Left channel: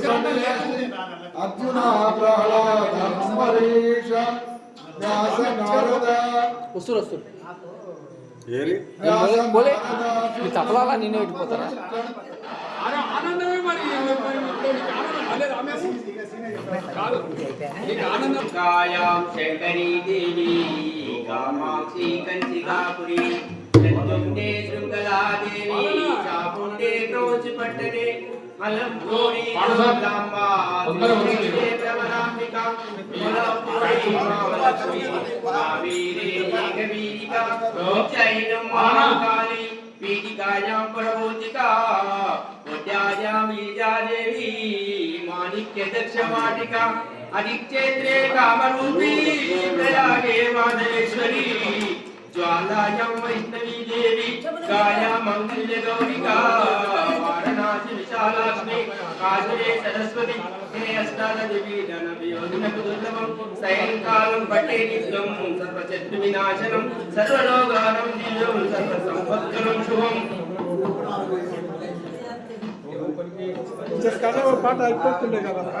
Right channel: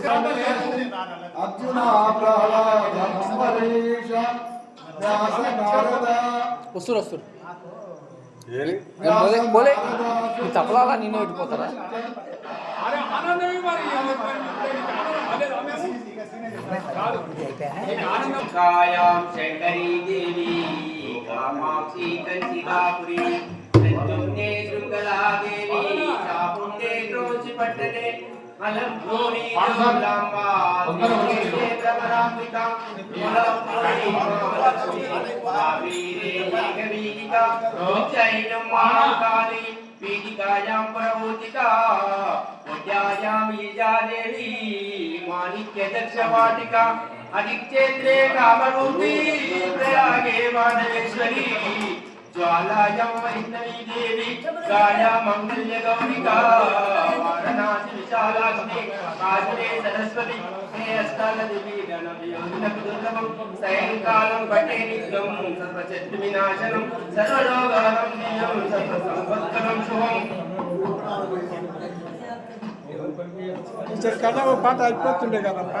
अर्जुन प्रहलाद अंबरीष व्यास नारद बोले तपला निन्ने పెట్టుకోతారా कायां शंकरी देवी कामाक्षी कंचिकापुरी नंदुंडे श्रृंगला देवी चामुंडे क्रोचपट्टने अलंपूरी लांबा त्रिपुरे प्रवरांबिका महालक्ष्मी कावेरी मेघवीरिका उज्जयिनं महाकाली पीठिकायां प्रभूतिका उद्यायां वीजा देवी माणिक्य दक्षवाटिका अधिक्षेत्रे कामरूपी प्रयागे माधवेश्वरी ज्वालायां वैष्णवी देवी गाया मंगल्य गौरिका वाराणसी विशालाक्ष्मी काजुरे सरस्वती हे अष्टादशी जनवियोगिनकुदुर्लभं सायंकालं पठे नित्यं सर्वशत्रुविनाशनं सर्वलोकानं दिव्यं सर्वसंपत्करं शुभम् పాట అయిపోతుండే కదా